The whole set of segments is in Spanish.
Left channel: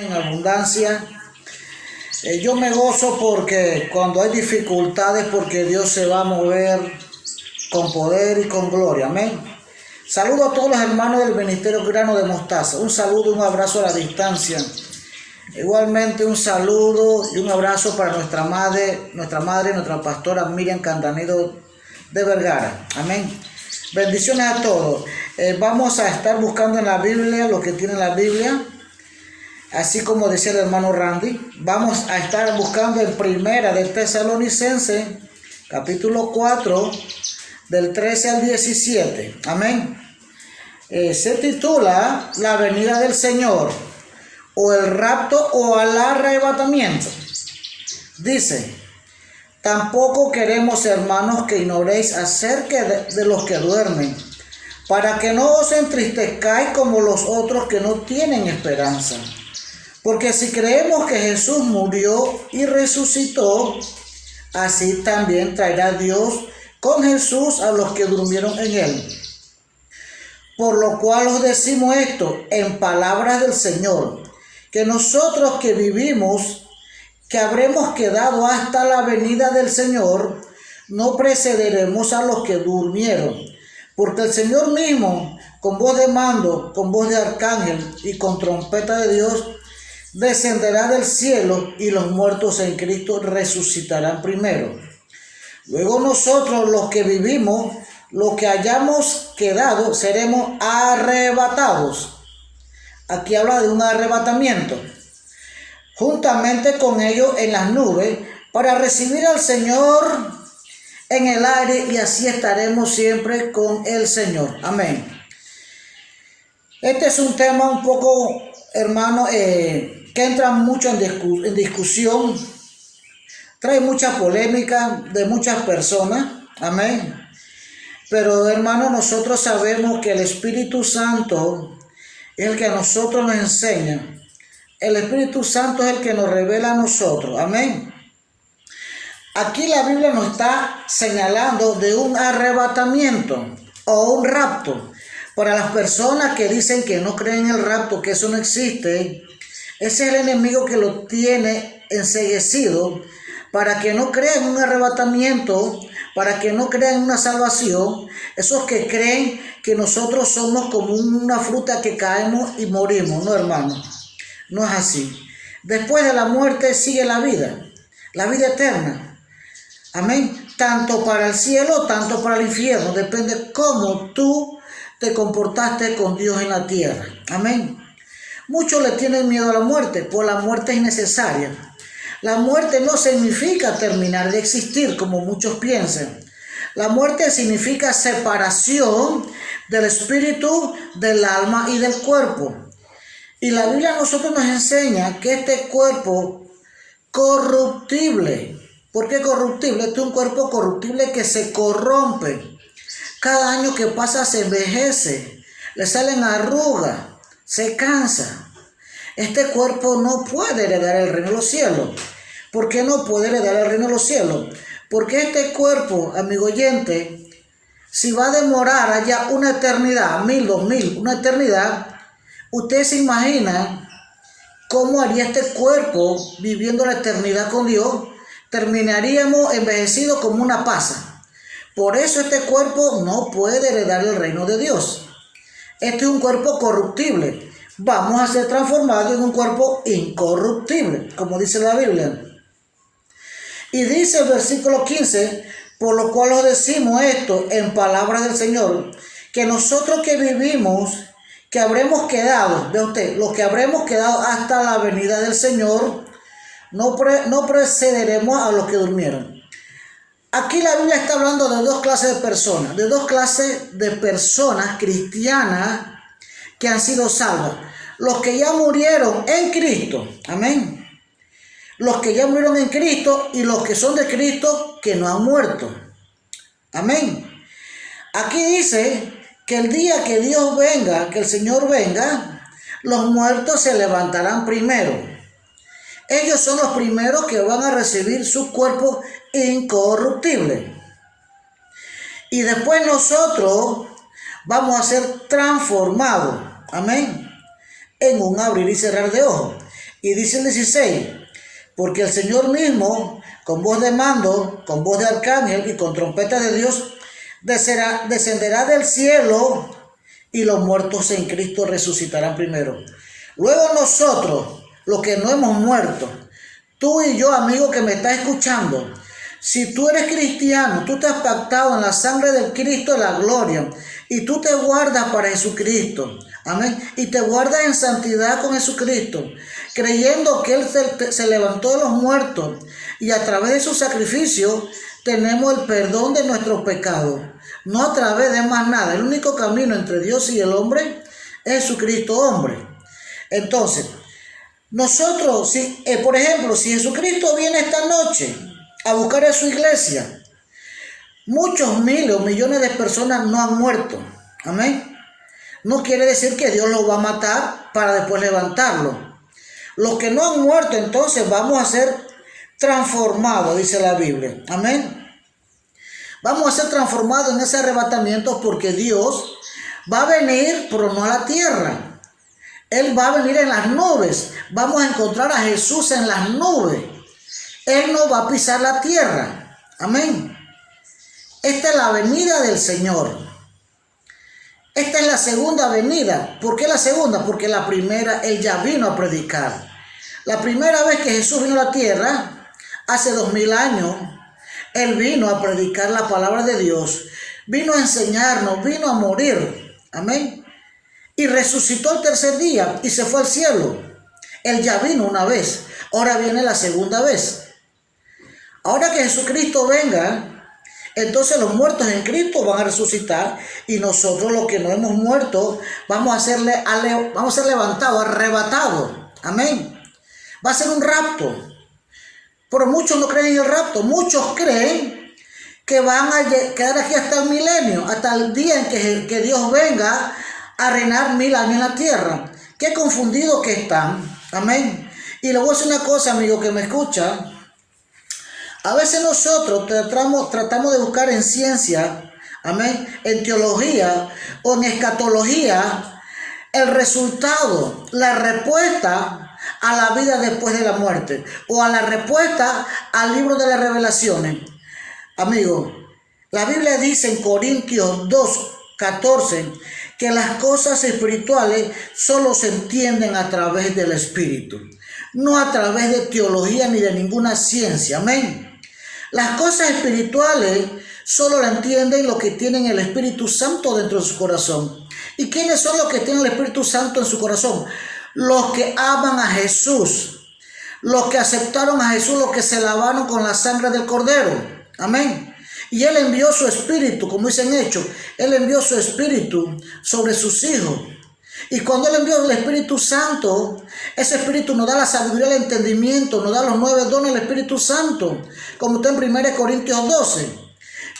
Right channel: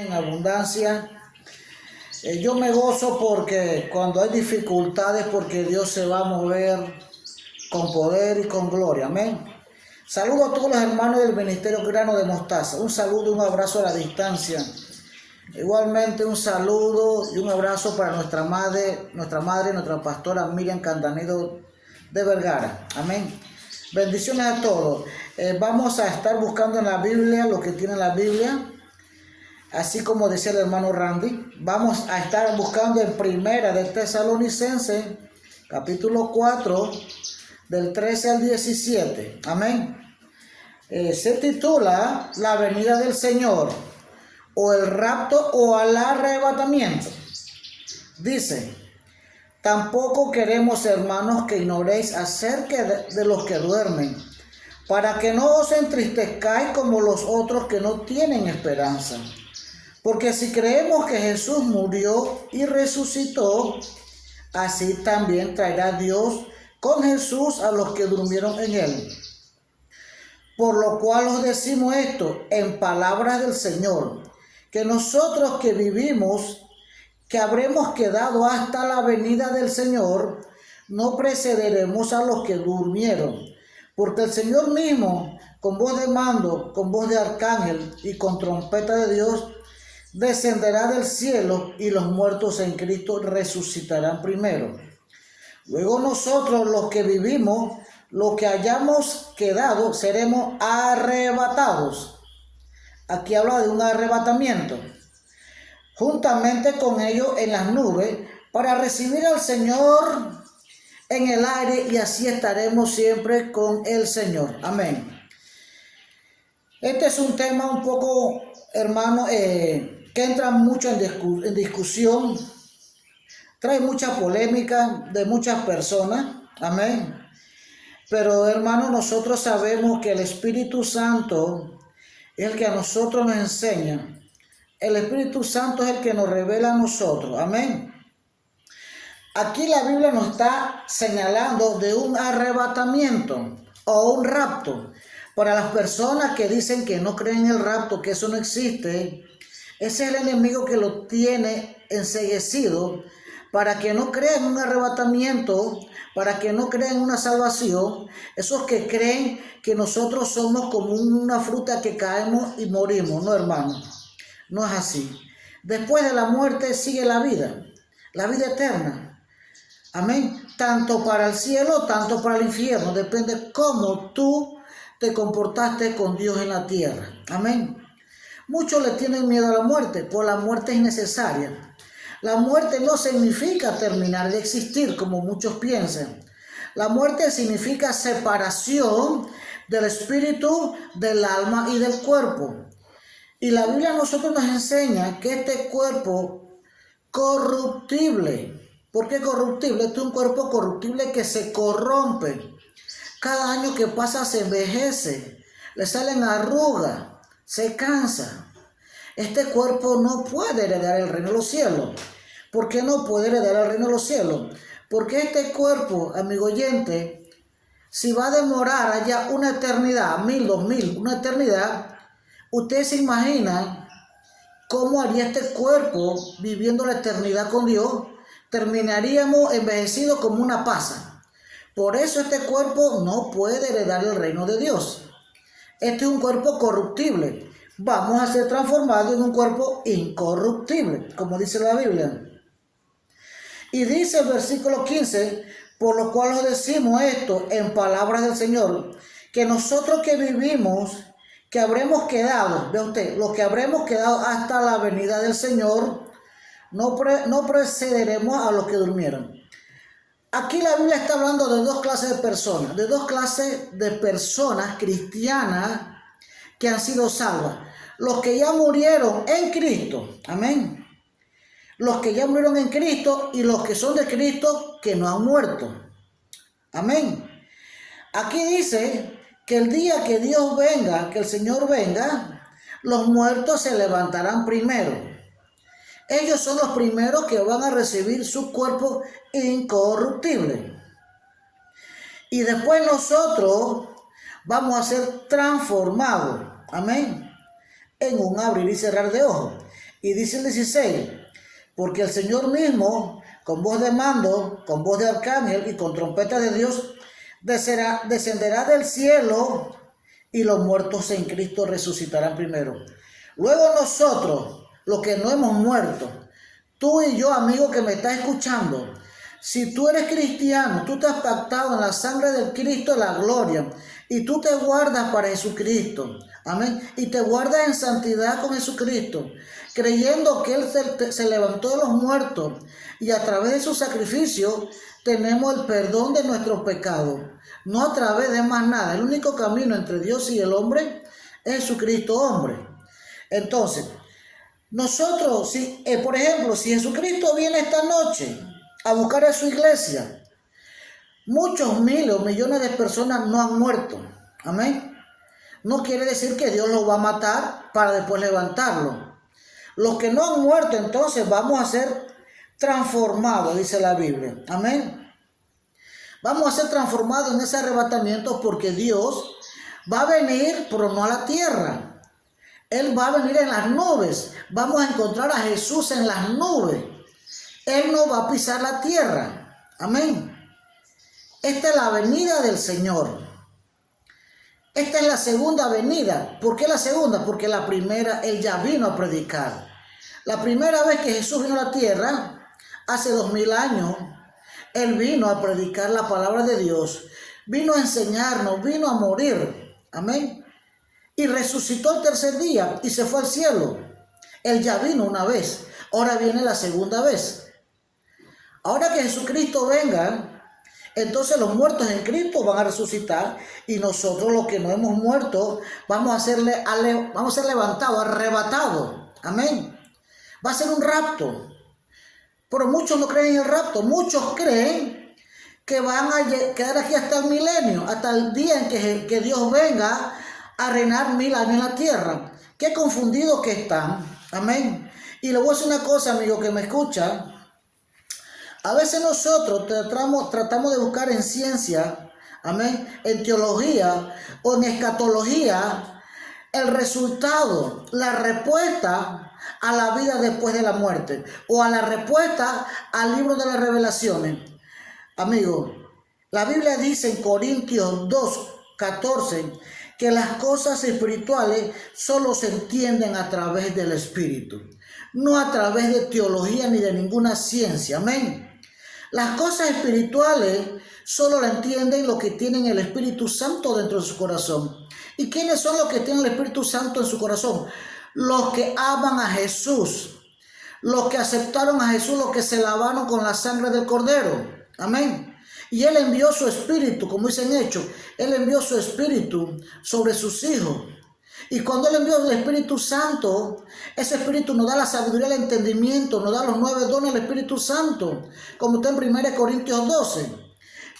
En abundancia. Yo me gozo porque cuando hay dificultades, porque Dios se va a mover con poder y con gloria. Amén. Saludo a todos los hermanos del Ministerio Grano de Mostaza. Un saludo, un abrazo a la distancia. Igualmente un saludo y un abrazo para nuestra madre, nuestra pastora Miriam Candanido de Vergara. Amén. Bendiciones a todos. Vamos a estar buscando en la Biblia lo que tiene la Biblia. Así como decía el hermano Randy, vamos a estar buscando en Primera de Tesalonicenses, capítulo 4, del 13 al 17. Amén. Se titula La venida del Señor, o el rapto o el arrebatamiento. Dice: tampoco queremos, hermanos, que ignoréis acerca de los que duermen, para que no os entristezcáis como los otros que no tienen esperanza. Porque si creemos que Jesús murió y resucitó, así también traerá Dios con Jesús a los que durmieron en él. Por lo cual os decimos esto en palabras del Señor, que nosotros que vivimos, que habremos quedado hasta la venida del Señor, no precederemos a los que durmieron. Porque el Señor mismo, con voz de mando, con voz de arcángel y con trompeta de Dios, descenderá del cielo, y los muertos en Cristo resucitarán primero. Luego nosotros, los que vivimos, los que hayamos quedado, seremos arrebatados. Aquí habla de un arrebatamiento, juntamente con ellos en las nubes, para recibir al Señor en el aire, y así estaremos siempre con el Señor. Amén. Este es un tema un poco, hermano, que entra mucho en discusión, trae mucha polémica de muchas personas. Amén. Pero, hermano, nosotros sabemos que el Espíritu Santo es el que a nosotros nos enseña. El Espíritu Santo es el que nos revela a nosotros. Amén. Aquí la Biblia nos está señalando de un arrebatamiento o un rapto. Para las personas que dicen que no creen en el rapto, que eso no existe, ese es el enemigo que lo tiene enceguecido para que no crean en un arrebatamiento, para que no crean en una salvación. Esos que creen que nosotros somos como una fruta que caemos y morimos. No, hermano, no es así. Después de la muerte sigue la vida eterna. Amén. Tanto para el cielo, tanto para el infierno. Depende cómo tú te comportaste con Dios en la tierra. Amén. Muchos le tienen miedo a la muerte, pues la muerte es necesaria. La muerte no significa terminar de existir, como muchos piensan. La muerte significa separación del espíritu, del alma y del cuerpo. Y la Biblia a nosotros nos enseña que este cuerpo corruptible, ¿por qué corruptible? Este es un cuerpo corruptible que se corrompe. Cada año que pasa se envejece, le salen arrugas, se cansa. Este cuerpo no puede heredar el reino de los cielos. ¿Por qué no puede heredar el reino de los cielos? Porque este cuerpo, amigo oyente, si va a demorar allá una eternidad, 1000, 2000, una eternidad, usted se imagina cómo haría este cuerpo viviendo la eternidad con Dios. Terminaríamos envejecidos como una pasa. Por eso este cuerpo no puede heredar el reino de Dios. Este es un cuerpo corruptible. Vamos a ser transformados en un cuerpo incorruptible, como dice la Biblia. Y dice el versículo 15, por lo cual os decimos esto en palabras del Señor, que nosotros que vivimos, que habremos quedado, ve usted, los que habremos quedado hasta la venida del Señor, no precederemos a los que durmieron. Aquí la Biblia está hablando de dos clases de personas cristianas que han sido salvas. Los que ya murieron en Cristo, amén. Los que ya murieron en Cristo y los que son de Cristo que no han muerto, amén. Aquí dice que el día que Dios venga, que el Señor venga, los muertos se levantarán primero. Ellos son los primeros que van a recibir su cuerpo incorruptible. Y después nosotros vamos a ser transformados, amén, en un abrir y cerrar de ojos. Y dice el 16, porque el Señor mismo, con voz de mando, con voz de arcángel y con trompeta de Dios, descenderá del cielo y los muertos en Cristo resucitarán primero. Luego nosotros, los que no hemos muerto, tú y yo, amigo que me estás escuchando, si tú eres cristiano, tú te has pactado en la sangre del Cristo de la gloria y tú te guardas para Jesucristo, amén, y te guardas en santidad con Jesucristo, creyendo que Él se levantó de los muertos y a través de su sacrificio tenemos el perdón de nuestros pecados, no a través de más nada. El único camino entre Dios y el hombre es Jesucristo hombre. Entonces, nosotros, por ejemplo, si Jesucristo viene esta noche a buscar a su iglesia, muchos miles o millones de personas no han muerto. Amén. No quiere decir que Dios los va a matar para después levantarlo. Los que no han muerto, entonces vamos a ser transformados, dice la Biblia. Amén. Vamos a ser transformados en ese arrebatamiento porque Dios va a venir, pero no a la tierra. Él va a venir en las nubes. Vamos a encontrar a Jesús en las nubes. Él no va a pisar la tierra. Amén. Esta es la venida del Señor. Esta es la segunda venida. ¿Por qué la segunda? Porque la primera Él ya vino a predicar. La primera vez que Jesús vino a la tierra, hace 2000 años, Él vino a predicar la palabra de Dios. Vino a enseñarnos, vino a morir. Amén. Y resucitó el tercer día y se fue al cielo. Él ya vino una vez. Ahora viene la segunda vez. Ahora que Jesucristo venga, entonces los muertos en Cristo van a resucitar y nosotros los que no hemos muerto vamos a ser levantados, arrebatados. Amén. Va a ser un rapto. Pero muchos no creen en el rapto. Muchos creen que van a quedar aquí hasta el milenio, hasta el día en que Dios venga a reinar 1000 años en la tierra. Qué confundidos que están. Amén. Y le voy a decir una cosa, amigo que me escucha. A veces nosotros tratamos de buscar en ciencia, amén, en teología o en escatología, el resultado, la respuesta a la vida después de la muerte o a la respuesta al libro de las revelaciones. Amigo, la Biblia dice en Corintios 2:14 que las cosas espirituales solo se entienden a través del Espíritu, no a través de teología ni de ninguna ciencia. Amén. Las cosas espirituales solo la entienden los que tienen el Espíritu Santo dentro de su corazón. ¿Y quiénes son los que tienen el Espíritu Santo en su corazón? Los que aman a Jesús, los que aceptaron a Jesús, los que se lavaron con la sangre del Cordero. Amén. Y Él envió su Espíritu, como dicen Hechos, Él envió su Espíritu sobre sus hijos. Y cuando Él envió el Espíritu Santo, ese Espíritu nos da la sabiduría, el entendimiento, nos da los 9 dones del Espíritu Santo, como está en 1 Corintios 12.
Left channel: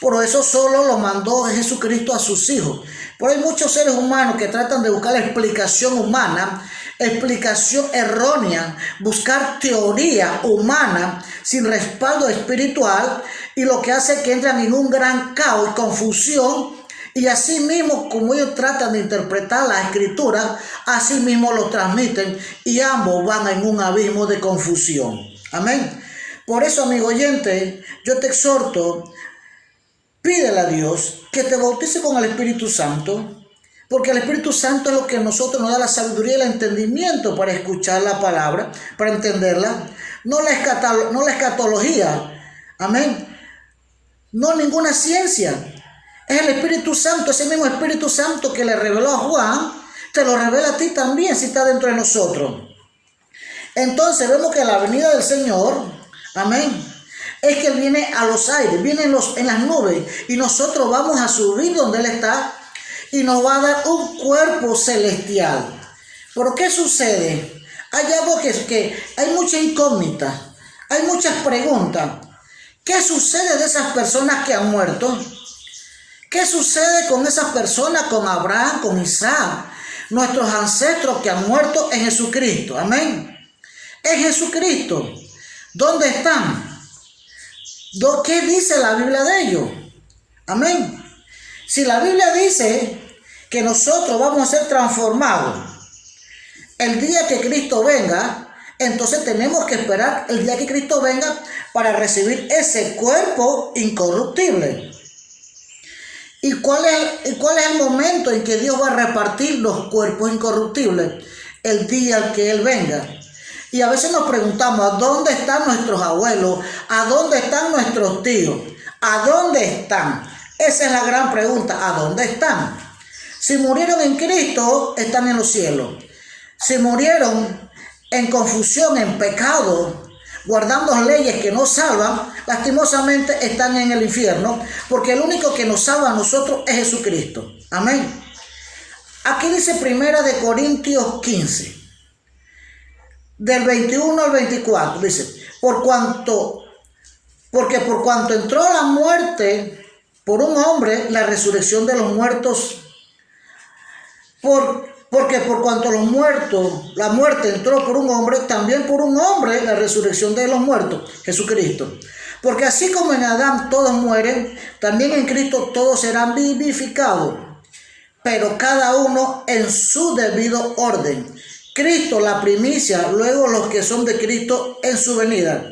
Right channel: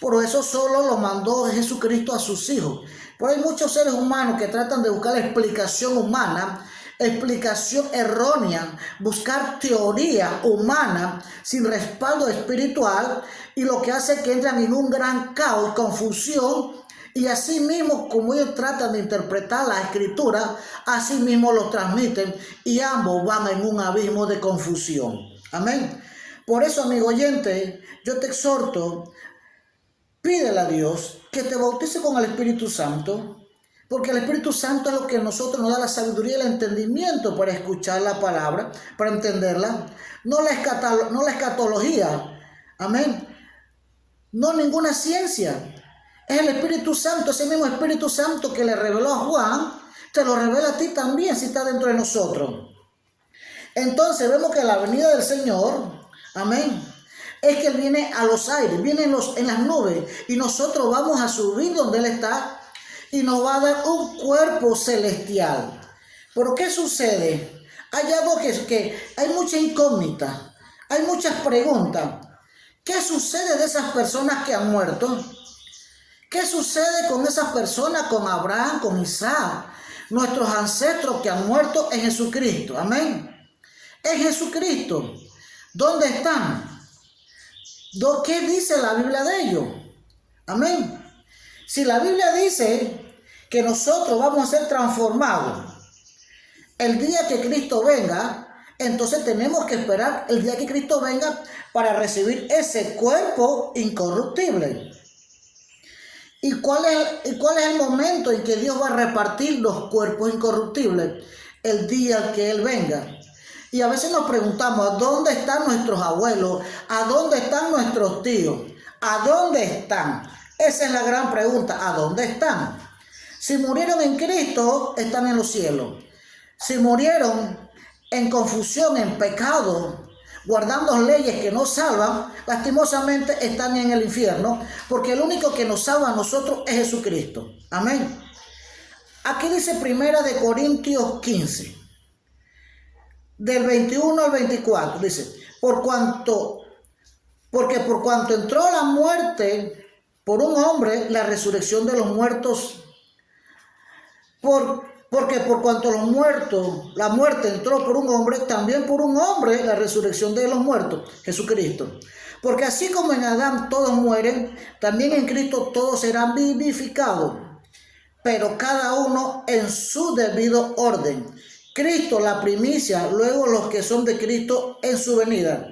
Por eso solo lo mandó Jesucristo a sus hijos. Pero hay muchos seres humanos que tratan de buscar la explicación humana, explicación errónea, buscar teoría humana sin respaldo espiritual, y lo que hace es que entran en un gran caos y confusión. Y así mismo, como ellos tratan de interpretar la escritura, así mismo lo transmiten y ambos van en un abismo de confusión. Amén. Por eso, amigo oyente, yo te exhorto, pídele a Dios que te bautice con el Espíritu Santo, porque el Espíritu Santo es lo que a nosotros nos da la sabiduría y el entendimiento para escuchar la palabra, para entenderla, no la escatología, amén, no ninguna ciencia. Es el Espíritu Santo, ese mismo Espíritu Santo que le reveló a Juan, te lo revela a ti también si está dentro de nosotros. Entonces vemos que la venida del Señor, amén, es que Él viene a los aires, viene en las nubes, y nosotros vamos a subir donde Él está y nos va a dar un cuerpo celestial. ¿Pero qué sucede? Hay algo que hay mucha incógnita, hay muchas preguntas. ¿Qué sucede de esas personas que han muerto? ¿Qué sucede con esas personas, con Abraham, con Isaac, nuestros ancestros que han muerto en Jesucristo? Amén. En Jesucristo. ¿Dónde están? ¿Qué dice la Biblia de ellos? Amén. Si la Biblia dice que nosotros vamos a ser transformados el día que Cristo venga, Entonces tenemos que esperar el día que Cristo venga para recibir ese cuerpo incorruptible. ¿Y cuál es el momento en que Dios va a repartir los cuerpos incorruptibles? El día que Él venga. Y a veces nos preguntamos, ¿a dónde están nuestros abuelos? ¿A dónde están nuestros tíos? ¿A dónde están? Esa es la gran pregunta, ¿a dónde están? Si murieron en Cristo, están en los cielos. Si murieron en confusión, en pecado, guardando leyes que no salvan, lastimosamente están en el infierno, porque el único que nos salva a nosotros es Jesucristo. Amén. Aquí dice 1 Corintios 15, del 21 al 24, dice, porque por cuanto entró la muerte por un hombre, la resurrección de los muertos, porque por cuanto la muerte entró por un hombre, también por un hombre la resurrección de los muertos, Jesucristo. Porque así como en Adán todos mueren, también en Cristo todos serán vivificados, pero cada uno en su debido orden. Cristo la primicia, luego los que son de Cristo en su venida.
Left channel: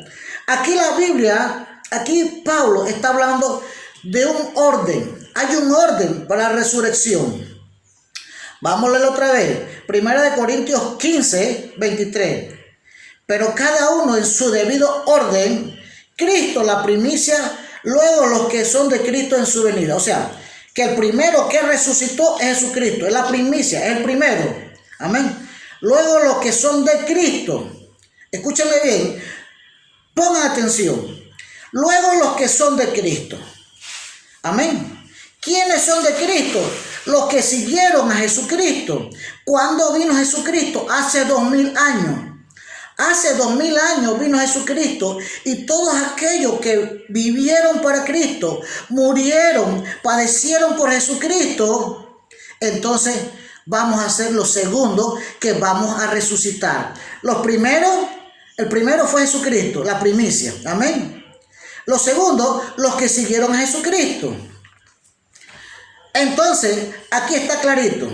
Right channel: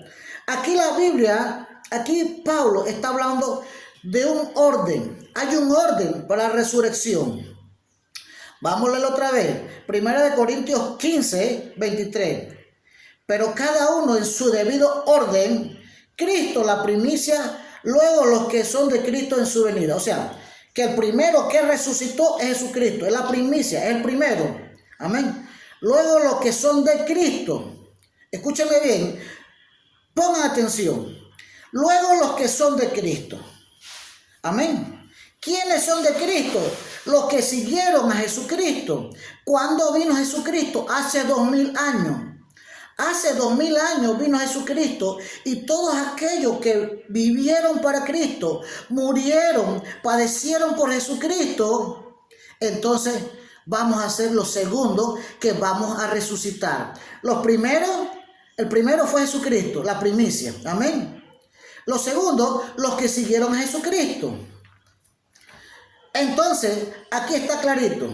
Aquí Pablo está hablando de un orden. Hay un orden para la resurrección. Vamos a leerlo otra vez. 1 Corintios 15, 23. Pero cada uno en su debido orden, Cristo la primicia, luego los que son de Cristo en su venida. O sea, que el primero que resucitó es Jesucristo, es la primicia, es el primero. Amén. Luego los que son de Cristo. Escúchenme bien, pongan atención. Luego los que son de Cristo. Amén. ¿Quiénes son de Cristo? Los que siguieron a Jesucristo. ¿Cuándo vino Jesucristo? Hace 2000 años. Hace 2000 años vino Jesucristo y todos aquellos que vivieron para Cristo, murieron, padecieron por Jesucristo, entonces vamos a ser los segundos que vamos a resucitar. El primero fue Jesucristo, la primicia. Amén. Los segundos, los que siguieron a Jesucristo. Entonces, aquí está clarito.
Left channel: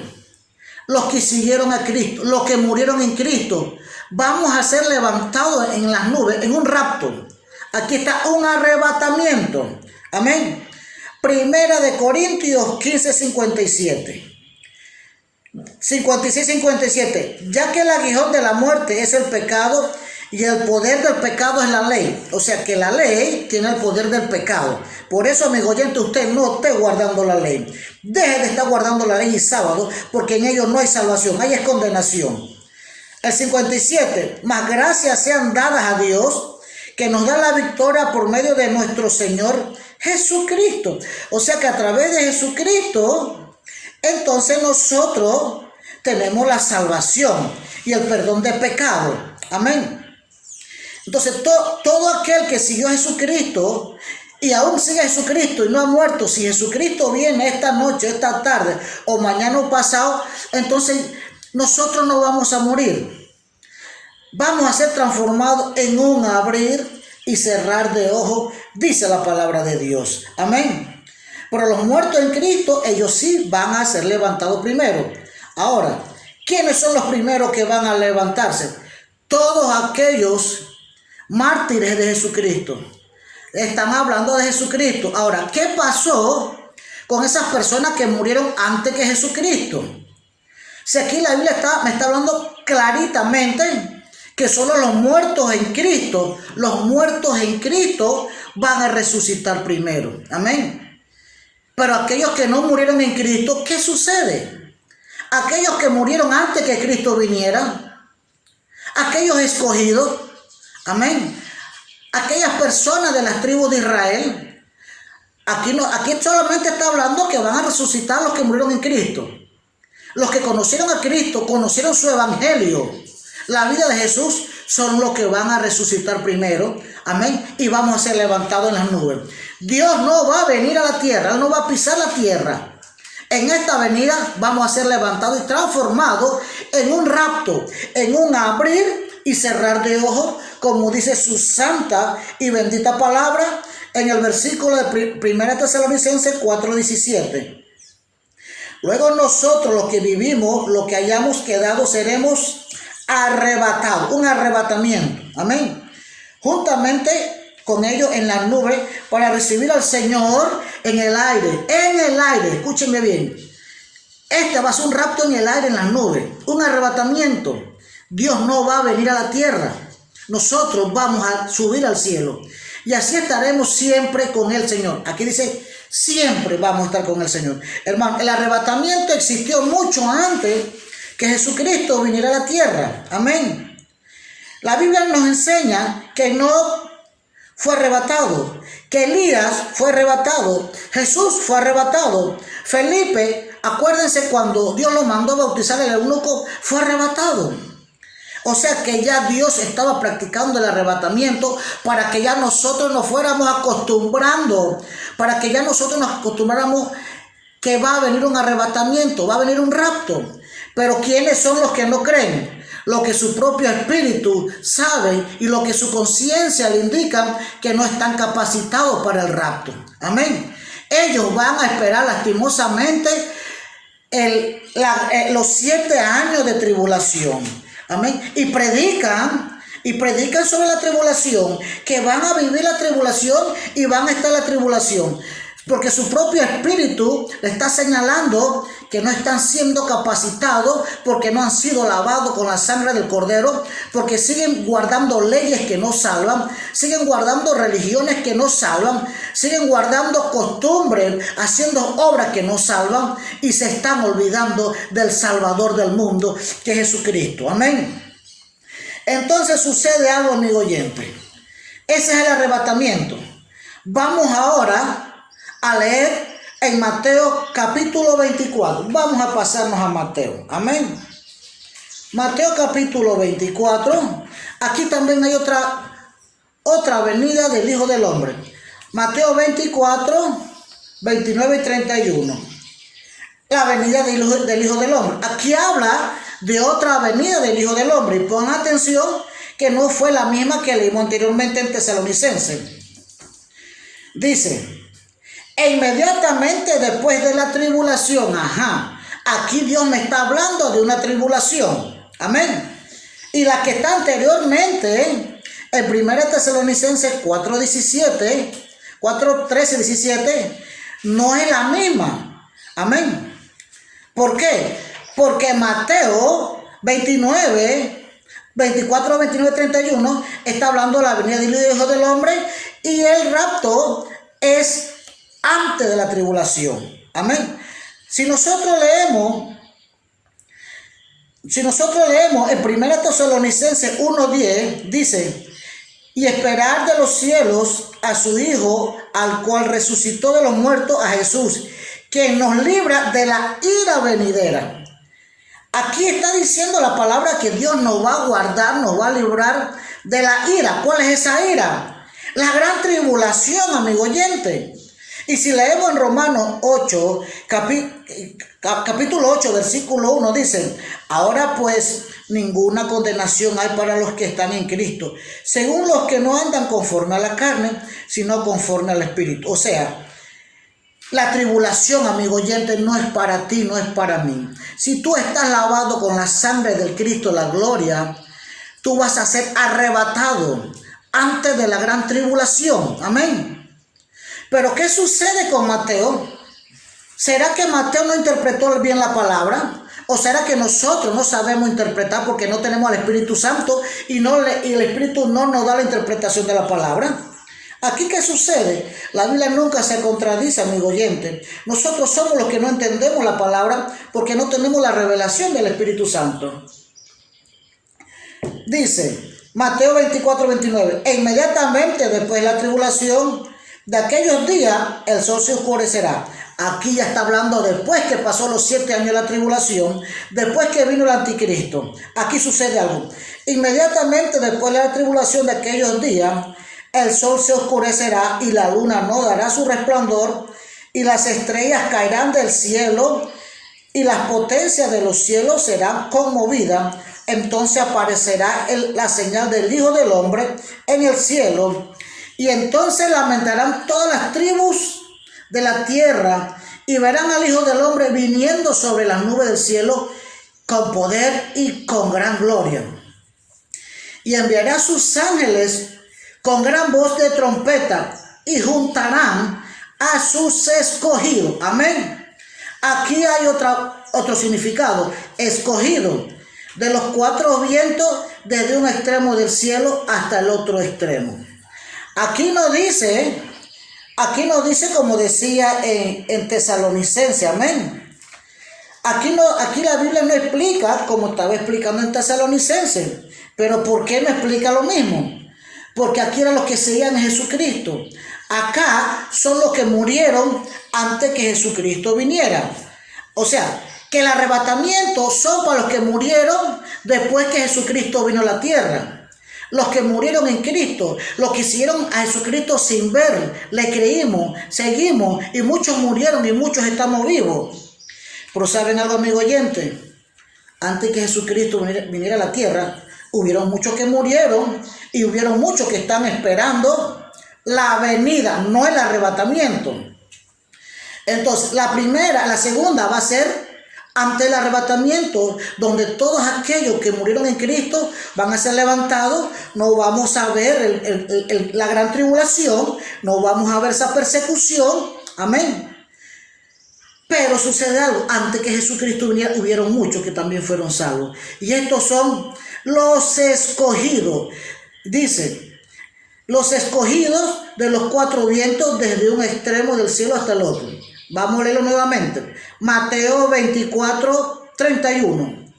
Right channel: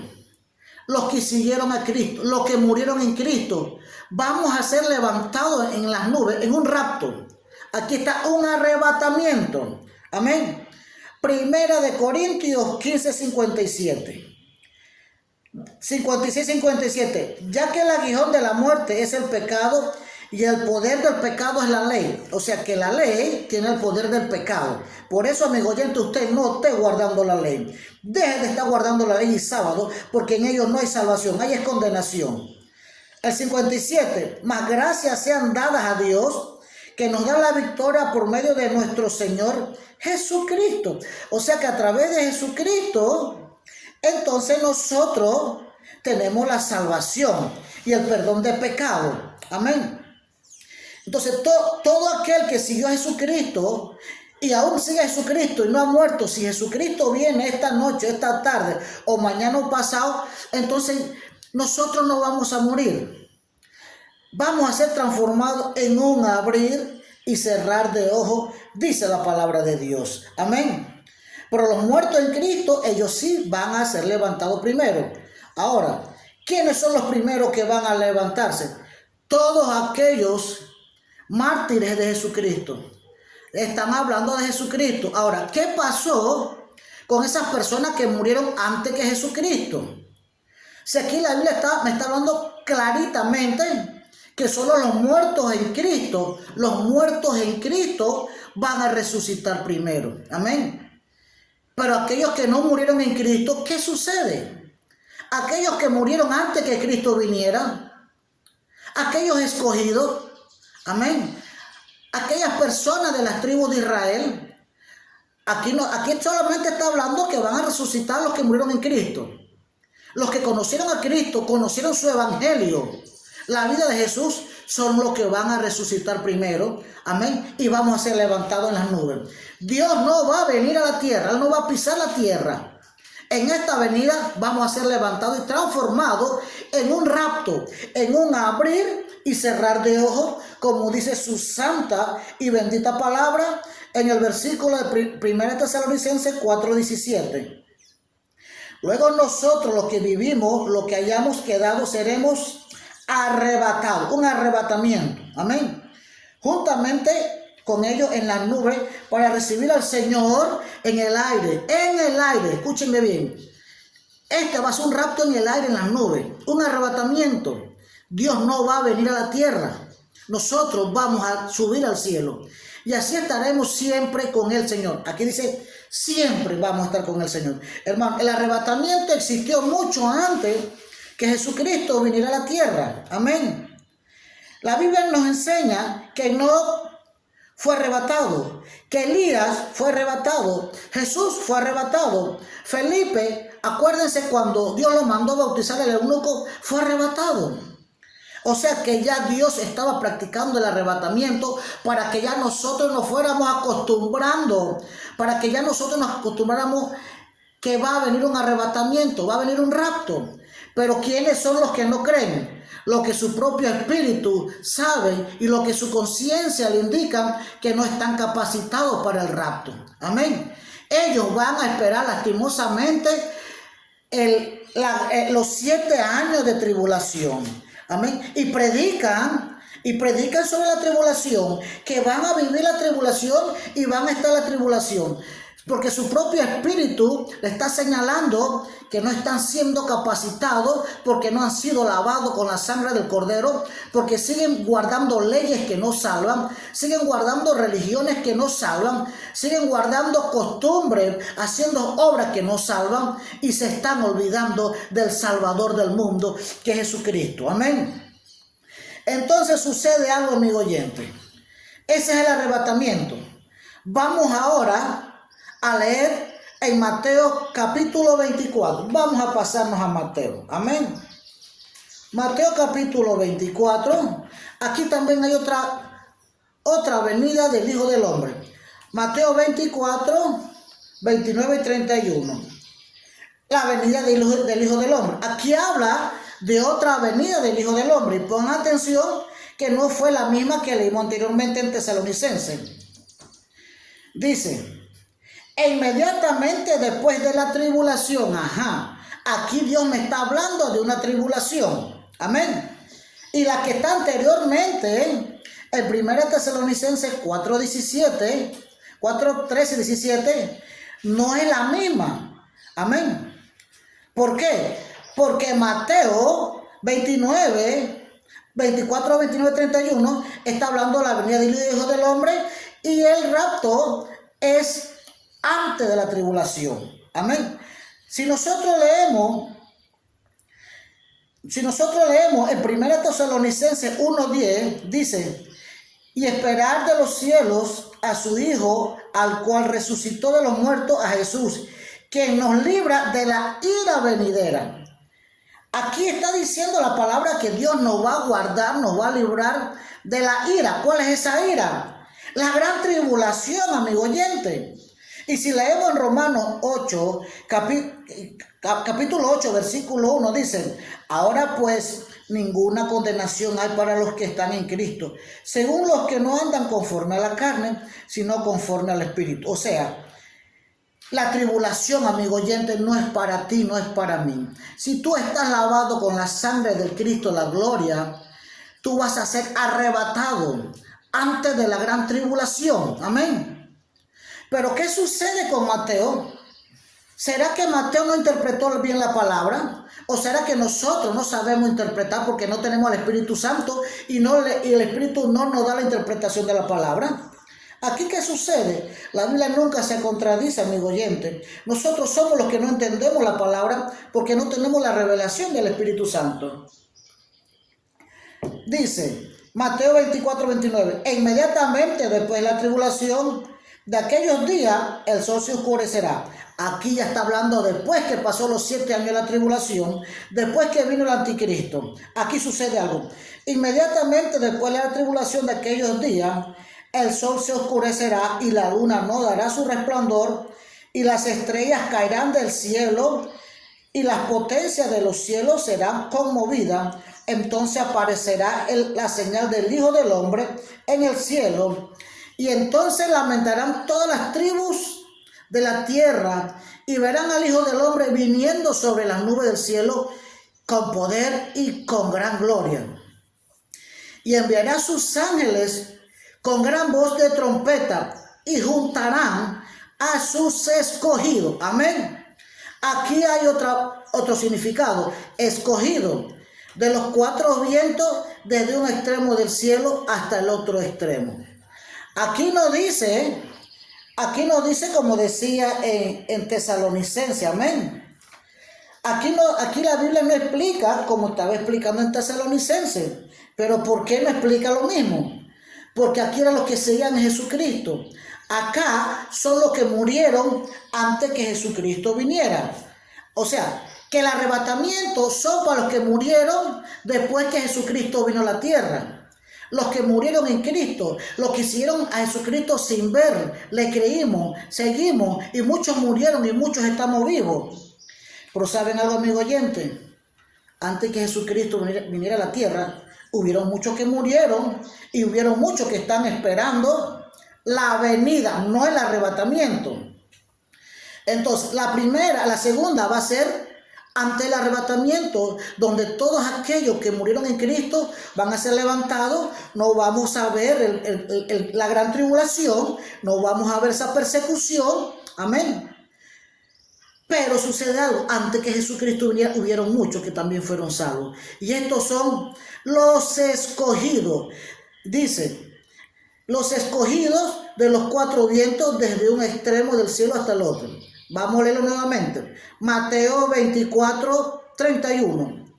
Los que siguieron a Cristo, los que murieron en Cristo, vamos a ser levantados en las nubes, en un rapto. Aquí está un arrebatamiento. Amén. 1 Corintios 15, 57. 56-57. Ya que el aguijón de la muerte es el pecado y el poder del pecado es la ley. O sea que la ley tiene el poder del pecado. Por eso, amigo oyente, usted no esté guardando la ley. Deje de estar guardando la ley y sábado, porque en ellos no hay salvación, hay es condenación. El 57. Mas gracias sean dadas a Dios, que nos da la victoria por medio de nuestro Señor Jesucristo. O sea que a través de Jesucristo, entonces nosotros tenemos la salvación y el perdón de pecado. Amén. Entonces todo aquel que siguió a Jesucristo y aún sigue a Jesucristo y no ha muerto, si Jesucristo viene esta noche, esta tarde o mañana o pasado, entonces nosotros no vamos a morir. Vamos a ser transformados en un abrir y cerrar de ojos, dice la palabra de Dios. Amén. Pero los muertos en Cristo, ellos sí van a ser levantados primero. Ahora, ¿quiénes son los primeros que van a levantarse? Todos aquellos mártires de Jesucristo. Están hablando de Jesucristo. Ahora, ¿qué pasó con esas personas que murieron antes que Jesucristo? Si aquí la Biblia me está hablando claritamente que solo los muertos en Cristo van a resucitar primero. Amén. Pero aquellos que no murieron en Cristo, ¿qué sucede? Aquellos que murieron antes que Cristo viniera, aquellos escogidos, amén, aquellas personas de las tribus de Israel, aquí solamente está hablando que van a resucitar los que murieron en Cristo. Los que conocieron a Cristo, conocieron su evangelio, la vida de Jesús, son los que van a resucitar primero. Amén. Y vamos a ser levantados en las nubes. Dios no va a venir a la tierra, Él no va a pisar la tierra. En esta venida vamos a ser levantados y transformados en un rapto, en un abrir y cerrar de ojos, como dice su santa y bendita palabra en el versículo de 1 Tesalonicenses 4:17. Luego nosotros, los que vivimos, los que hayamos quedado, seremos arrebatado, un arrebatamiento. Amén. Juntamente con ellos en las nubes para recibir al Señor en el aire. En el aire, escúchenme bien. Este va a ser un rapto en el aire, en las nubes, un arrebatamiento. Dios no va a venir a la tierra. Nosotros vamos a subir al cielo. Y así estaremos siempre con el Señor. Aquí dice, siempre vamos a estar con el Señor. Hermano, el arrebatamiento existió mucho antes que Jesucristo viniera a la tierra. Amén. La Biblia nos enseña que Enoc fue arrebatado, que Elías fue arrebatado, Jesús fue arrebatado, Felipe, acuérdense cuando Dios lo mandó a bautizar al eunuco, fue arrebatado. O sea que ya Dios estaba practicando el arrebatamiento para que ya nosotros nos fuéramos acostumbrando, para que ya nosotros nos acostumbráramos que va a venir un arrebatamiento, va a venir un rapto. Pero ¿quiénes son los que no creen? Lo que su propio espíritu sabe y lo que su conciencia le indican que no están capacitados para el rapto. Amén. Ellos van a esperar lastimosamente los 7 años de tribulación. Amén. Y predican sobre la tribulación, que van a vivir la tribulación y van a estar en la tribulación. Porque su propio espíritu le está señalando que no están siendo capacitados, porque no han sido lavados con la sangre del Cordero, porque siguen guardando leyes que no salvan, siguen guardando religiones que no salvan, siguen guardando costumbres, haciendo obras que no salvan y se están olvidando del Salvador del mundo, que es Jesucristo. Amén. Entonces sucede algo, amigo oyente. Ese es el arrebatamiento. Vamos ahora a leer en Mateo capítulo 24. Vamos a pasarnos a Mateo. Amén. Mateo capítulo 24. Aquí también hay otra venida del Hijo del Hombre. Mateo 24, 29 y 31. La venida del Hijo del Hombre. Aquí habla de otra venida del Hijo del Hombre. Y pon atención que no fue la misma que leímos anteriormente en Tesalonicenses. Dice: e inmediatamente después de la tribulación, aquí Dios me está hablando de una tribulación, amén. Y la que está anteriormente, en 1 Tesalonicenses 4:17, 4:13-17, no es la misma, amén. ¿Por qué? Porque Mateo 29, 24, 29, 31 está hablando de la venida del Hijo del Hombre y el rapto es antes de la tribulación. Amén. Si nosotros leemos en 1 Tesalonicenses 1:10, dice: y esperar de los cielos a su Hijo, al cual resucitó de los muertos, a Jesús, que nos libra de la ira venidera. Aquí está diciendo la palabra que Dios nos va a guardar, nos va a librar de la ira. ¿Cuál es esa ira? La gran tribulación, amigo oyente. Y si leemos en Romanos 8, capítulo 8, versículo 1, dice: ahora pues ninguna condenación hay para los que están en Cristo, según los que no andan conforme a la carne, sino conforme al Espíritu. O sea, la tribulación, amigo oyente, no es para ti, no es para mí. Si tú estás lavado con la sangre del Cristo, la gloria, tú vas a ser arrebatado antes de la gran tribulación. Amén. Pero ¿qué sucede con Mateo? ¿Será que Mateo no interpretó bien la palabra? ¿O será que nosotros no sabemos interpretar porque no tenemos al Espíritu Santo y el Espíritu no nos da la interpretación de la palabra? Aquí, ¿qué sucede? La Biblia nunca se contradice, amigo oyente. Nosotros somos los que no entendemos la palabra porque no tenemos la revelación del Espíritu Santo. Dice Mateo 24, 29: e inmediatamente después de la tribulación de aquellos días, el sol se oscurecerá. Aquí ya está hablando después que pasó los 7 años de la tribulación, después que vino el anticristo. Aquí sucede algo. Inmediatamente después de la tribulación de aquellos días, el sol se oscurecerá y la luna no dará su resplandor y las estrellas caerán del cielo y las potencias de los cielos serán conmovidas. Entonces aparecerá la señal del Hijo del Hombre en el cielo. Y entonces lamentarán todas las tribus de la tierra y verán al Hijo del Hombre viniendo sobre las nubes del cielo con poder y con gran gloria. y enviará a sus ángeles con gran voz de trompeta y juntarán a sus escogidos. Amén. Aquí hay otro significado. Escogido de los cuatro vientos, desde un extremo del cielo hasta el otro extremo. Aquí no dice como decía en Tesalonicenses. Amén. Aquí la Biblia no explica como estaba explicando en Tesalonicenses. Pero ¿por qué no explica lo mismo? Porque aquí eran los que seguían a Jesucristo. Acá son los que murieron antes que Jesucristo viniera. O sea, que el arrebatamiento son para los que murieron después que Jesucristo vino a la tierra. Los que murieron en Cristo, los que siguieron a Jesucristo sin ver, le creímos, seguimos, y muchos murieron y muchos estamos vivos. Pero ¿saben algo, amigo oyente? Antes que Jesucristo viniera a la tierra, hubieron muchos que murieron y hubieron muchos que están esperando la venida, no el arrebatamiento. Entonces, la segunda va a ser ante el arrebatamiento, donde todos aquellos que murieron en Cristo van a ser levantados. No vamos a ver la gran tribulación, no vamos a ver esa persecución. Amén. Pero sucede algo, antes que Jesucristo viniera, hubieron muchos que también fueron salvos. Y estos son los escogidos. Dice, los escogidos de los cuatro vientos, desde un extremo del cielo hasta el otro. Vamos a leerlo nuevamente. Mateo 24, 31.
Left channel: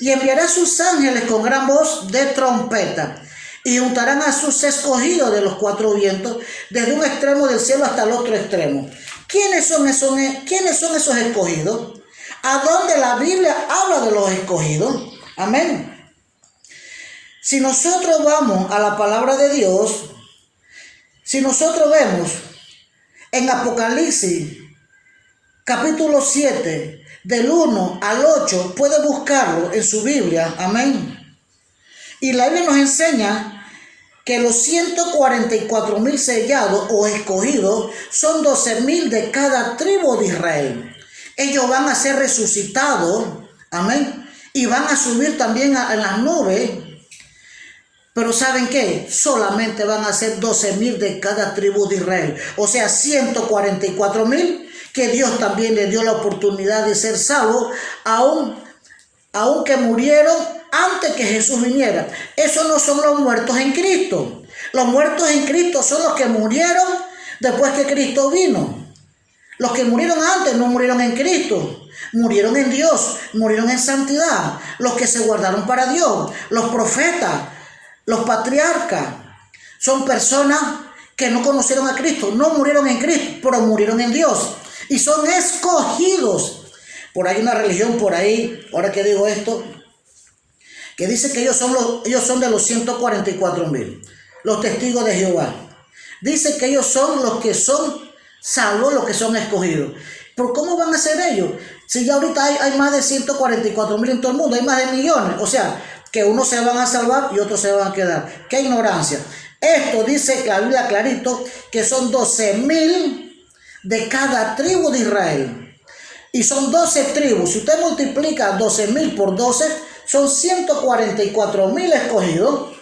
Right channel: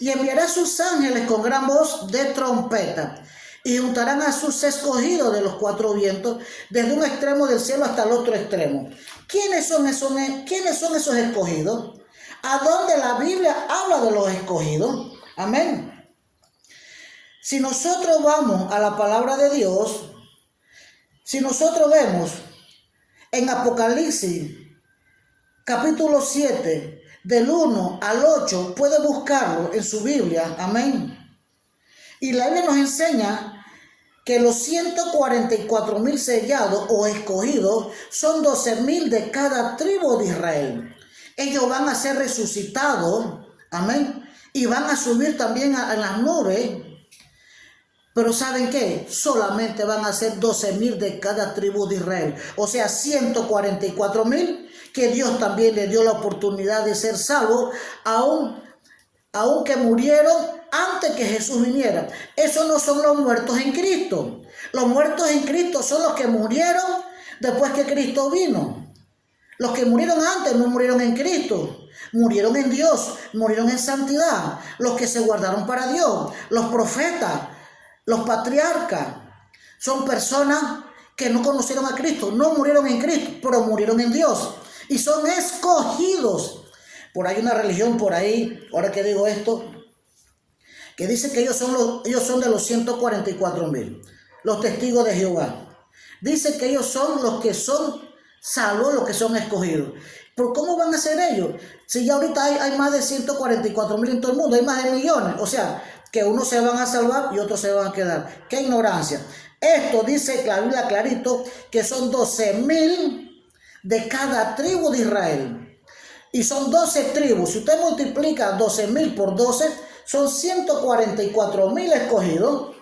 Y enviará a sus ángeles con gran voz de trompeta, y juntarán a sus escogidos de los cuatro vientos, desde un extremo del cielo hasta el otro extremo. ¿Quiénes son esos escogidos? ¿A dónde la Biblia habla de los escogidos? Amén. Si nosotros vamos a la palabra de Dios, si nosotros vemos en Apocalipsis, capítulo 7, del 1 al 8, puede buscarlo en su Biblia. Amén. Y la Biblia nos enseña que los 144,000 sellados o escogidos son 12,000 de cada tribu de Israel. Ellos van a ser resucitados, amén, y van a subir también a las nubes. Pero ¿saben qué? Solamente van a ser 12,000 de cada tribu de Israel. O sea, 144,000 que Dios también le dio la oportunidad de ser salvos, aunque murieron antes que Jesús viniera. Esos no son los muertos en Cristo. Los muertos en Cristo son los que murieron después que Cristo vino. Los que murieron antes no murieron en Cristo. Murieron en Dios, murieron en santidad. Los que se guardaron para Dios, los profetas, los patriarcas, son personas que no conocieron a Cristo, no murieron en Cristo, pero murieron en Dios. Y son escogidos. Por ahí una religión, ahora que digo esto, que dice que ellos son de los 144,000, los testigos de Jehová. Dice que ellos son los que son salvos, los que son escogidos. ¿Pero cómo van a ser ellos? Si ya ahorita hay más de 144,000 en todo el mundo, hay más de millones. O sea, que unos se van a salvar y otros se van a quedar. ¡Qué ignorancia! Esto dice la Biblia clarito, que son 12,000 de cada tribu de Israel. Y son 12 tribus. Si usted multiplica 12,000 por 12, son 144,000 escogidos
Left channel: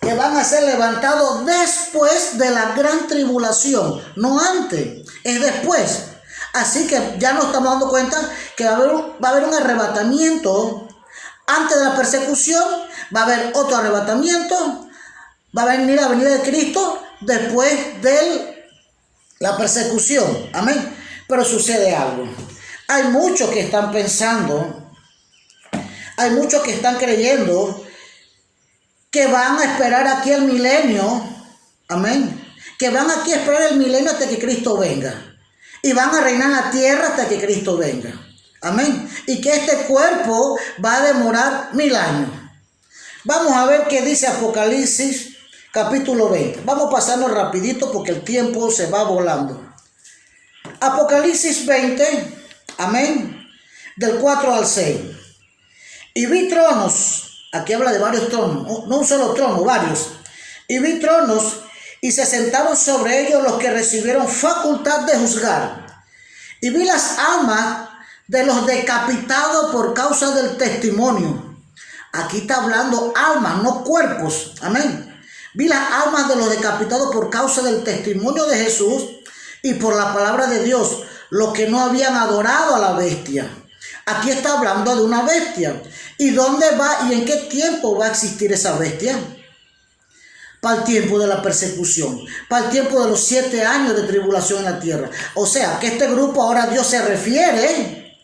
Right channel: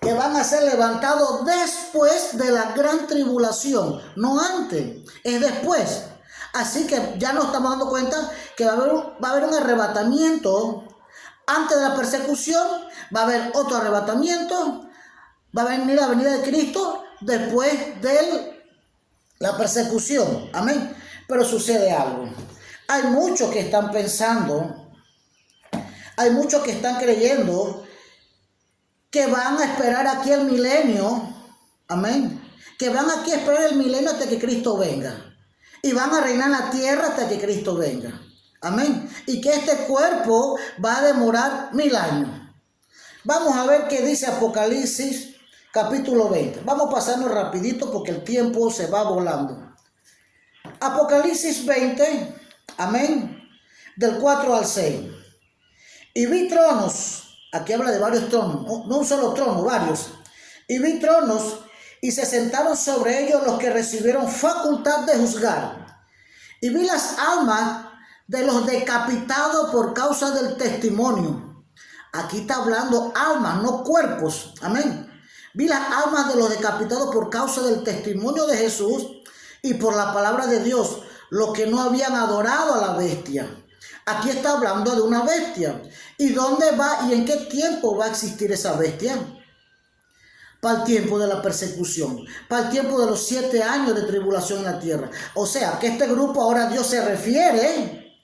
que van a ser levantados después de la gran tribulación, no antes, es después. Así que ya nos estamos dando cuenta que va a haber un arrebatamiento antes de la persecución, va a haber otro arrebatamiento, va a venir la venida de Cristo después de la persecución. Amén. Pero sucede algo. Hay muchos que están pensando, hay muchos que están creyendo que van a esperar aquí el milenio. Amén. Que van aquí a esperar el milenio hasta que Cristo venga. Y van a reinar la tierra hasta que Cristo venga. Amén. Y que este cuerpo va a demorar 1000 años. Vamos a ver qué dice Apocalipsis capítulo 20. Vamos a pasarnos rapidito porque el tiempo se va volando. Apocalipsis 20, amén, del 4 al 6. Y vi tronos, aquí habla de varios tronos, no un solo trono, varios. Y vi tronos y se sentaron sobre ellos los que recibieron facultad de juzgar. Y vi las almas de los decapitados por causa del testimonio, Aquí está hablando almas, no cuerpos. Amén. Vi las almas de los decapitados por causa del testimonio de Jesús y por la palabra de Dios, los que no habían adorado a la bestia. Aquí está hablando de una bestia. ¿Y dónde va y en qué tiempo va a existir esa bestia? Para el tiempo de la persecución, para el tiempo de los 7 años de tribulación en la tierra. O sea, que este grupo ahora Dios se refiere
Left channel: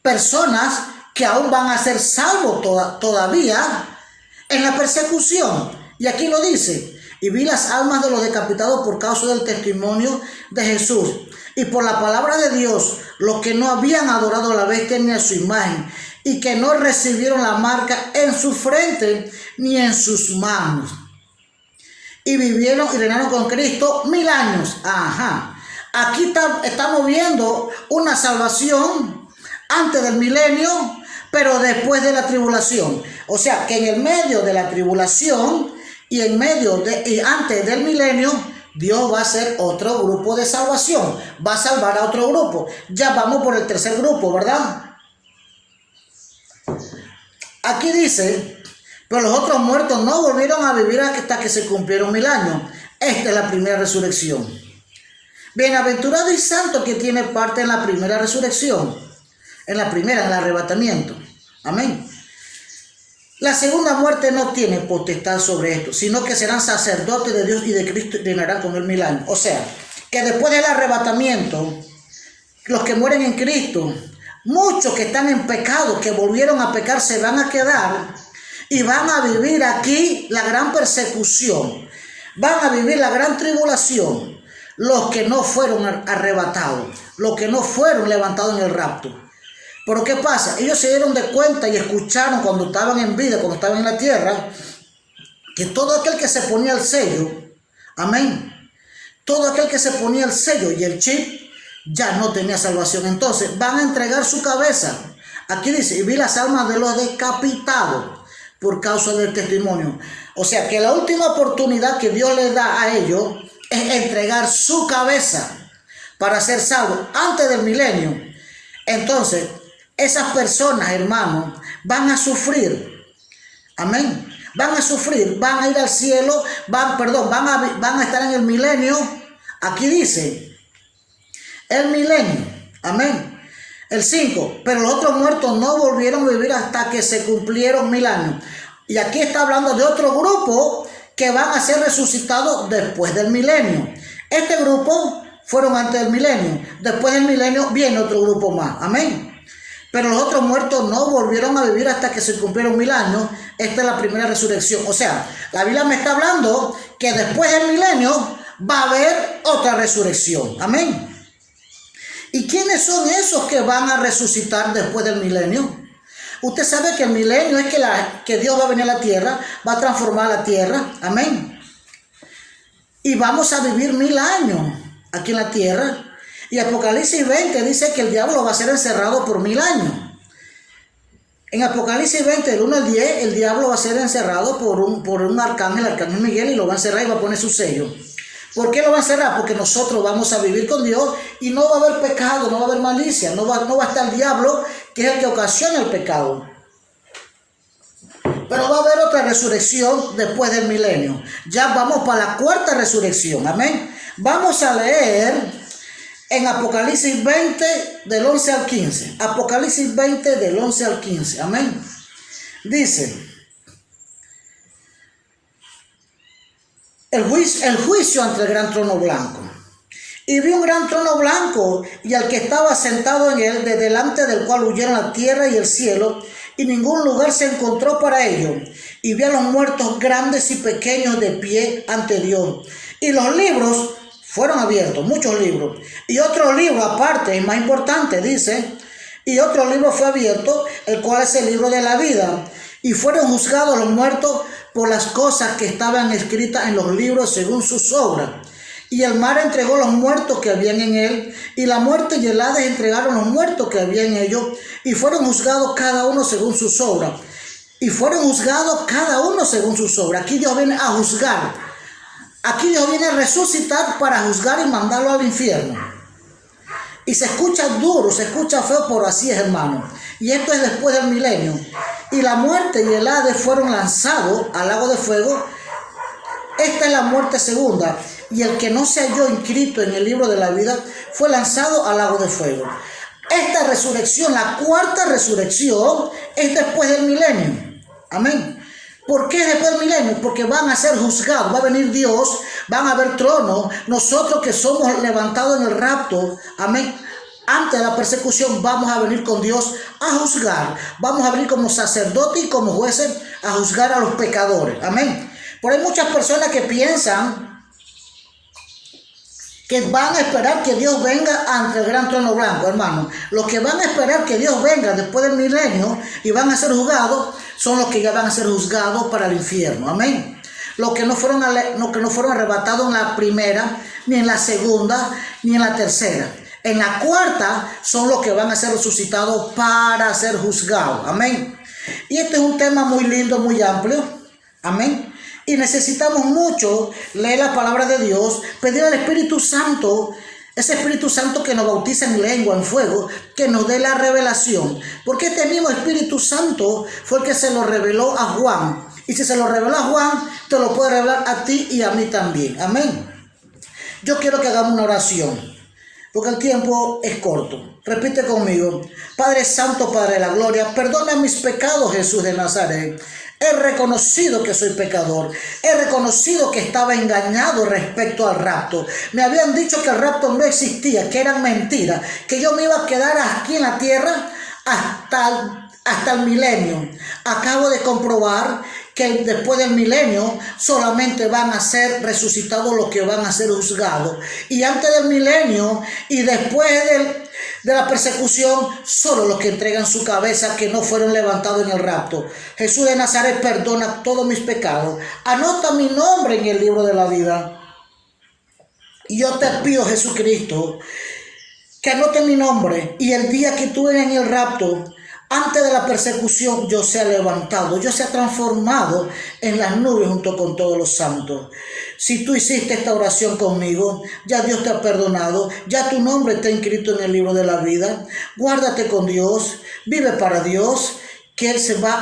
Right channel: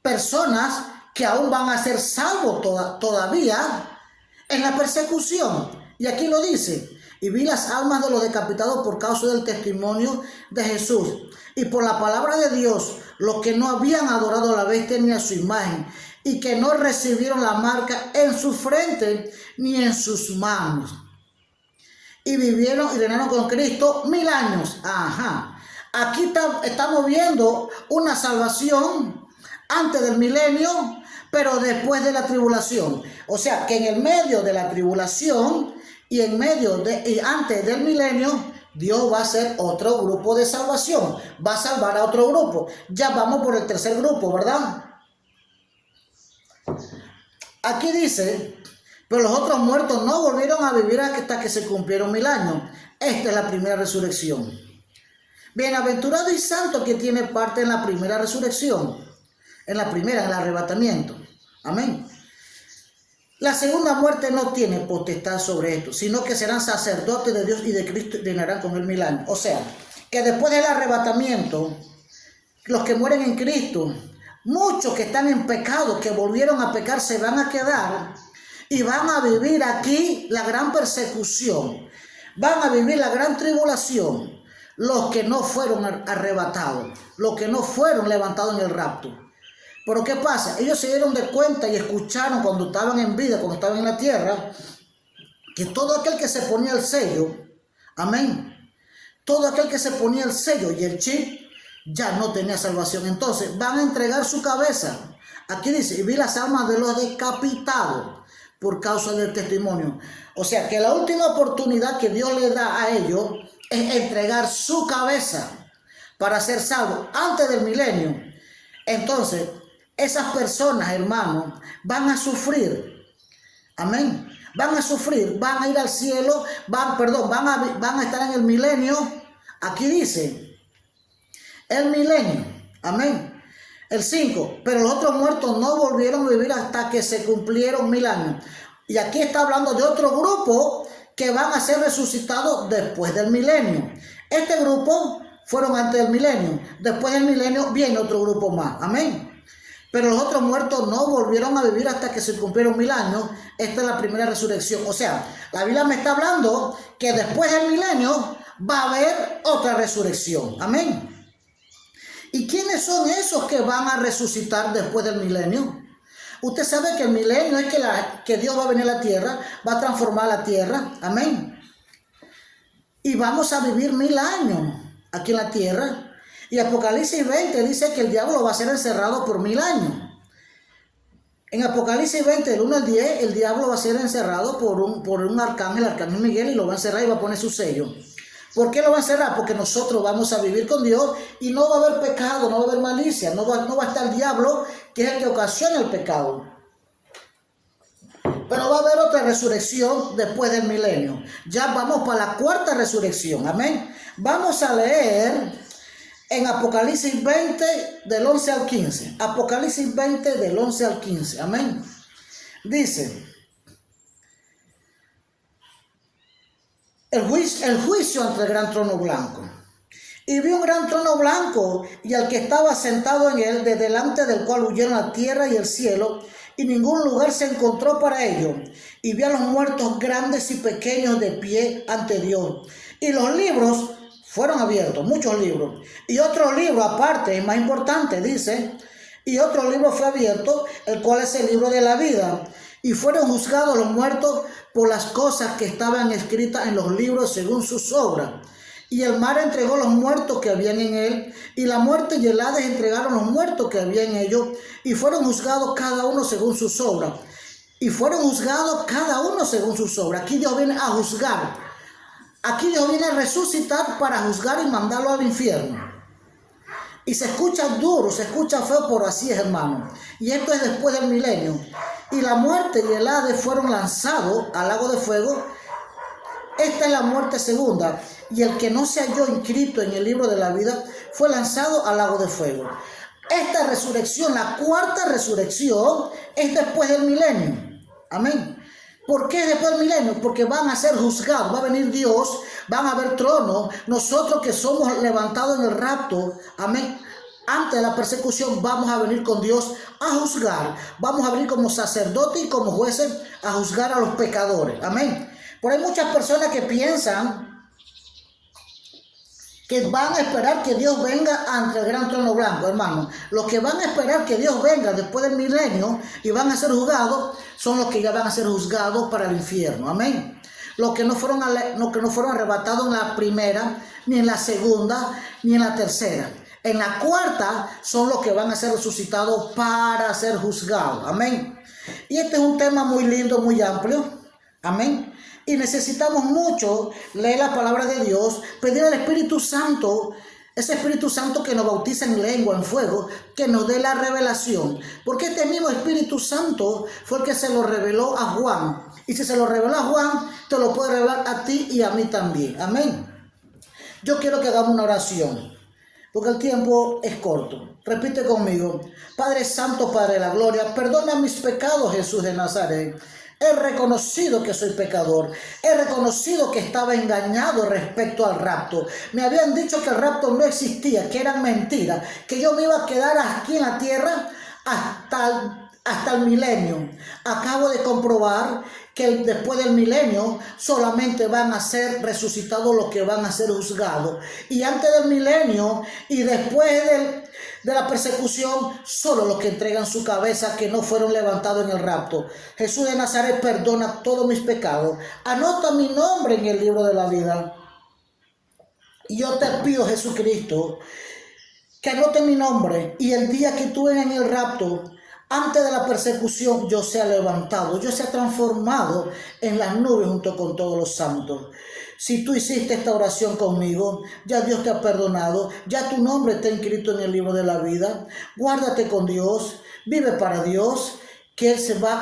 personas que aún van a ser salvos todavía en la persecución. Y aquí lo dice, y vi las almas de los decapitados por causa del testimonio de Jesús y por la palabra de Dios, los que no habían adorado a la bestia ni a su imagen, y que no recibieron la marca en su frente ni en sus manos. Y vivieron y reinaron con Cristo 1000 años. Ajá. Aquí estamos viendo una salvación antes del milenio, pero después de la tribulación. O sea, que en el medio de la tribulación y antes del milenio, Dios va a hacer otro grupo de salvación. Va a salvar a otro grupo. Ya vamos por el tercer grupo, ¿verdad? Aquí dice, pero los otros muertos no volvieron a vivir hasta que se cumplieron 1000 años. Esta es la primera resurrección. Bienaventurado y santo que tiene parte en la primera resurrección. En el arrebatamiento. Amén. La segunda muerte no tiene potestad sobre esto, sino que serán sacerdotes de Dios y de Cristo y reinarán con él 1000 años. O sea, que después del arrebatamiento, los que mueren en Cristo, muchos que están en pecado, que volvieron a pecar, se van a quedar y van a vivir aquí la gran persecución. Van a vivir la gran tribulación. Los que no fueron arrebatados, los que no fueron levantados en el rapto. Pero ¿qué pasa? Ellos se dieron de cuenta y escucharon cuando estaban en vida, cuando estaban en la tierra, que todo aquel que se ponía el sello, amén, todo aquel que se ponía el sello y el chip, ya no tenía salvación. Entonces van a entregar su cabeza. Aquí dice, y vi las almas de los decapitados por causa del testimonio. O sea que la última oportunidad que Dios le da a ellos es entregar su cabeza para ser salvos antes del milenio. Entonces, esas personas, hermanos, van a sufrir. Amén. Van a sufrir, van a ir al cielo, van a estar en el milenio. Aquí dice, el milenio. Amén. El 5, pero los otros muertos no volvieron a vivir hasta que se cumplieron 1000 años. Y aquí está hablando de otro grupo que van a ser resucitados después del milenio. Este grupo fueron antes del milenio. Después del milenio viene otro grupo más. Amén. Pero los otros muertos no volvieron a vivir hasta que se cumplieron 1000 años. Esta es la primera resurrección. O sea, la Biblia me está hablando que después del milenio va a haber otra resurrección. Amén. ¿Y quiénes son esos que van a resucitar después del milenio? Usted sabe que el milenio es que Dios va a venir a la tierra, va a transformar la tierra. Amén. Y vamos a vivir 1000 años aquí en la tierra. Y Apocalipsis 20 dice que el diablo va a ser encerrado por 1000 años. En Apocalipsis 20, del 1 al 10, el diablo va a ser encerrado por un arcángel, el arcángel Miguel, y lo va a encerrar y va a poner su sello. ¿Por qué lo va a encerrar? Porque nosotros vamos a vivir con Dios y no va a haber pecado, no va a haber malicia, no va a estar el diablo, que es el que ocasiona el pecado. Pero va a haber otra resurrección después del milenio. Ya vamos para la cuarta resurrección. Amén. Vamos a leer en Apocalipsis 20 del 11 al 15. Apocalipsis 20 del 11 al 15. Amén. Dice, el juicio ante el gran trono blanco. Y vi un gran trono blanco y al que estaba sentado en él, de delante del cual huyeron la tierra y el cielo, y ningún lugar se encontró para ellos. Y vi a los muertos grandes y pequeños de pie ante Dios. Y los libros fueron abiertos, muchos libros. Y otro libro aparte, y más importante, dice, y otro libro fue abierto, el cual es el libro de la vida. Y fueron juzgados los muertos por las cosas que estaban escritas en los libros según sus obras. Y el mar entregó los muertos que habían en él, y la muerte y el Hades entregaron los muertos que había en ellos, y fueron juzgados cada uno según sus obras. Y fueron juzgados cada uno según sus obras. Aquí Dios viene a juzgar. Aquí Dios viene a resucitar para juzgar y mandarlo al infierno. Y se escucha duro, se escucha feo, pero así es, hermano. Y esto es después del milenio. y la muerte y el Hades fueron lanzados al lago de fuego. Esta es la muerte segunda, y el que no se halló inscrito en el libro de la vida fue lanzado al lago de fuego. Esta resurrección, la cuarta resurrección, es después del milenio. Amén. ¿Por qué después del milenio? Porque van a ser juzgados, va a venir Dios, van a haber tronos. Nosotros que somos levantados en el rapto, amén, antes de la persecución, vamos a venir con Dios a juzgar. Vamos a venir como sacerdotes y como jueces a juzgar a los pecadores. Amén. Pero hay muchas personas que piensan que van a esperar que Dios venga ante el gran trono blanco, hermano. Los que van a esperar que Dios venga después del milenio y van a ser juzgados son los que ya van a ser juzgados para el infierno. Amén. Los que no fueron arrebatados en la primera, ni en la segunda, ni en la tercera. En la cuarta son los que van a ser resucitados para ser juzgados. Amén. Y este es un tema muy lindo, muy amplio. Amén. Y necesitamos mucho leer la palabra de Dios, pedir al Espíritu Santo, ese Espíritu Santo que nos bautiza en lengua, en fuego, que nos dé la revelación. Porque este mismo Espíritu Santo fue el que se lo reveló a Juan. Y si se lo reveló a Juan, te lo puede revelar a ti y a mí también. Amén. Yo quiero que hagamos una oración, porque el tiempo es corto. Repite conmigo. Padre Santo, Padre de la Gloria, perdona mis pecados, Jesús de Nazaret. He reconocido que soy pecador. He reconocido que estaba engañado respecto al rapto. Me habían dicho que el rapto no existía, que eran mentiras, que yo me iba a quedar aquí en la tierra hasta el milenio. Acabo de comprobar que después del milenio solamente van a ser resucitados los que van a ser juzgados. Y antes del milenio y después de la persecución, solo los que entregan su cabeza que no fueron levantados en el rapto. Jesús de Nazaret, perdona todos mis pecados. Anota mi nombre en el libro de la vida. Y yo te pido, Jesucristo, que anote mi nombre y el día que tú vengas en el rapto, antes de la persecución, yo sea levantado, yo sea transformado en las nubes junto con todos los santos. Si tú hiciste esta oración conmigo, ya Dios te ha perdonado, ya tu nombre está inscrito en el libro de la vida. Guárdate con Dios, vive para Dios, que Él se va